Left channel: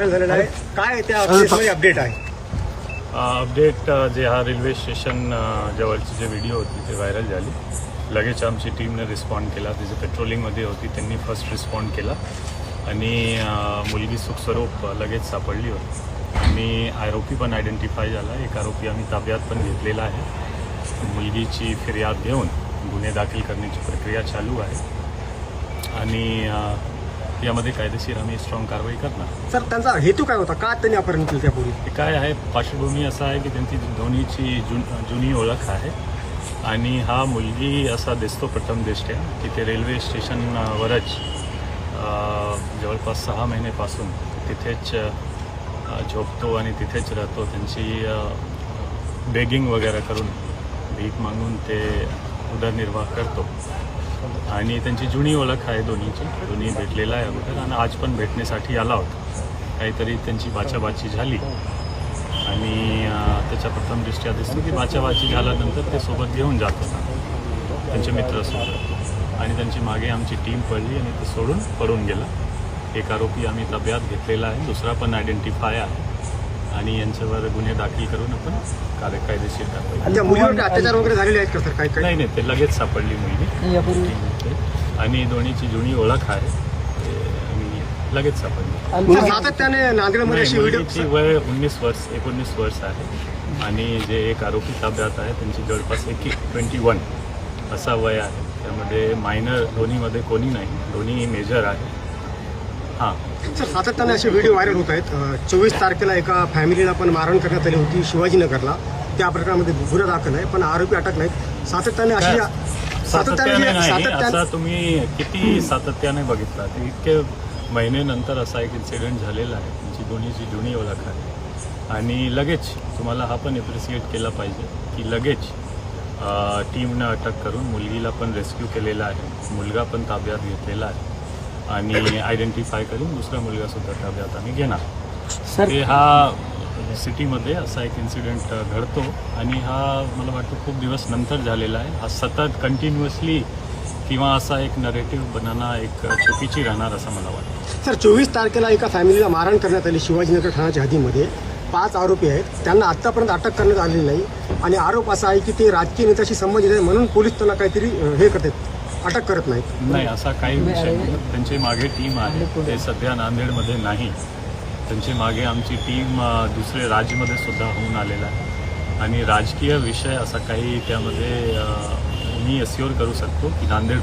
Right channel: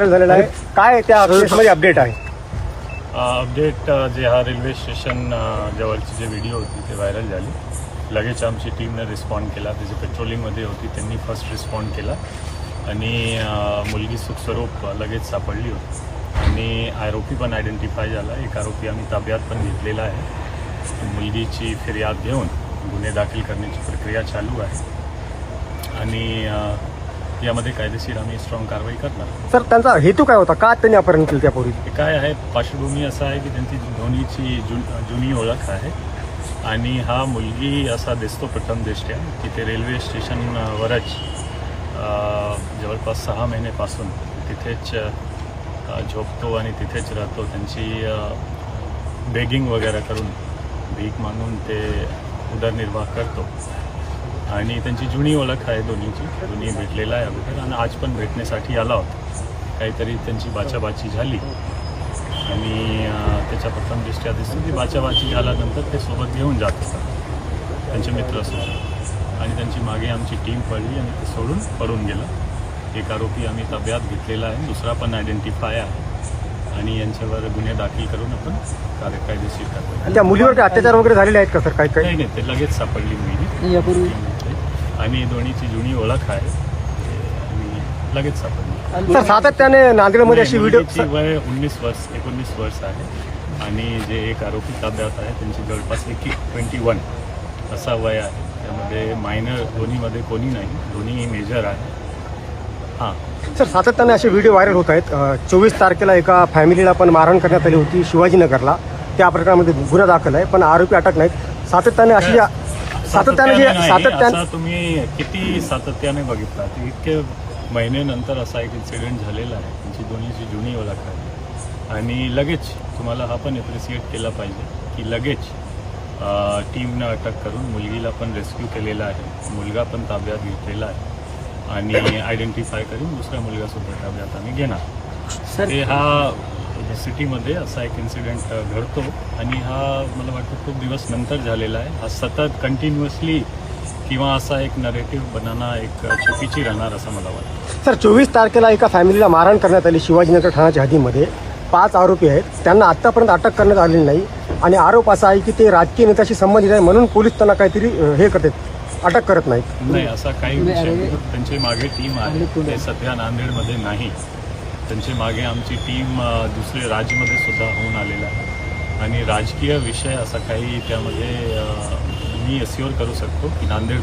झालेला आहे काय त्या अपडेट आहे? अपडेट जे हा रेल्वे स्टेशन जवळची जे व्हिडिओ होती ते व्हायरल झाली. लगेच आमची टीमने रिस्पॉन्ड केला. त्याची पेट्रोलिंगमध्ये होती, त्यांनी फर्स्ट रिस्पॉन्ड केला आणि मुलगी सुखस्वरूप लगेच सापडली होती आणि आरोपी पण आयडेंटिफाय झाला. एक आरोपी आम्ही ताब्यात पण घेतलेला आहे. मुलगीची फिर्याद घेऊन गुन्हे दाखल करण्याची प्रक्रिया चालू आहे आणि यामध्ये कायदेशीर आम्ही स्ट्रॉंग कारवाई करणार. सर, त्यांचा हेतू काय होता? का त्यांनी अपहरण केलं त्यापूर्वी? काय आहे, पार्श्वभूमी असं आहे की त्यांची दोन्हीची जुनी ओळख आहे आणि हा मुलगी असा दिसतो प्रथम दृष्ट्या की ते रेल्वे स्टेशनवरच जवळपास 6 महिन्यापासून तिथेच झोपतो आणि तिथेच राहतो. त्यांची बेगिंग वगैरे करून भीक मागून ते उदरनिर्वाह करतो आणि त्यांची जुनी ओळख आहे दोन्हीची. दोन्ही भेटलेला आहे अगोदर आणि आज पण भेटण्यासाठी आला होता. काहीतरी त्यांची बाचाबाची झाली आणि त्याच्या प्रथम दृष्ट्या दिसतो की बाचाबाची झाल्यानंतर ते सोबत घेऊन जात होता त्यांच्या मित्रासोबत आणि त्यांची मागे आमची टीम पडली आणि ते सोडून पडून गेलं. एक आरोपी आम्ही ताब्यात घेतलेला आहे, दुसरा पण आयडेंटिफाय आहे आणि यांच्यावर गुन्हे दाखल करून आपण कायदेशीर कारवाई. त्या मुलीवर अत्याचार वगैरे झालेले आहेत का सर? काय काय? नाही, ते लगेच सापडली मुलगी आणि दोन्हीची जुनी ओळख आहे आणि लगेच सापडली. सर, सातत्याने नांदेडमध्ये अशी व्हिडिओ वय 19 वर्ष आहे आणि जे एक आरोपी ताब्यात आहे त्यांची जवळपास 21 असा वय आहे. त्यामध्ये मायनर दोन्हीमध्ये कोणी नाही, दोन्ही मेजर आहे. हां सर, सातत्याने असे व्हिडिओ व्हायरल होत आहेत. 24 तारखेला एका फॅमिलीला पण मारहाण करण्यात आली होती शिवाजीनगरला. त्या प्रकरणामध्ये गुन्हा दाखल आहे पण आरोपी अटक नाहीत. सातत्याने असा तुम्ही किती सातत्याने बघितला? इतके महिन्यानंतर असा एक इन्सिडेंट झालेला आहे. त्यांची दोन्हीची जुनी ओळख आहे आणि लगेच तुम्हाला हा पण एप्रिशिएट केला पाहिजे की लगेच टीमनं अटक करून मुलगीला पण रेस्क्यू केलेला आहे. मुलगा पण ताब्यात घेतलेला आहे आणि आयडेंटिफाय करून दुसरा मुलगा सुद्धा ताब्यात आम्ही घेणार. ते हा सिटीमध्ये असा एक इन्सिडेंट घडतो आणि हा मला वाटतं खूप दिवस नंतर झालेला आहे. हा सतत कंटिन्युअसली किंवा असा एक नरेटिव्ह बनाना एक चुकीची राहणार असं मला वाटतं. सर, 24 तारखेला एका फॅमिलीला मारहाण करण्यात आली शिवाजीनगर ठाण्याच्या हद्दीमध्ये. 5 आरोपी आहेत, त्यांना आतापर्यंत अटक करण्यात आलेली नाही आणि आरोप असा आहे की ते राजकीय नेत्याशी संबंधित आहे म्हणून पोलीस त्यांना काहीतरी हे करतात, अटक करत नाहीत. नाही, असा काही विषय नाही. त्यांचे मागे टीम आहे, ते सध्या नांदेडमध्ये नाही. त्यांचे मागे आमची टीम दुसरे राज्यामध्ये सुद्धा होऊन आलेला आहे आणि राजकीय विषय असा काही त्यामध्ये मी अश्योर करू शकतो की नांदेड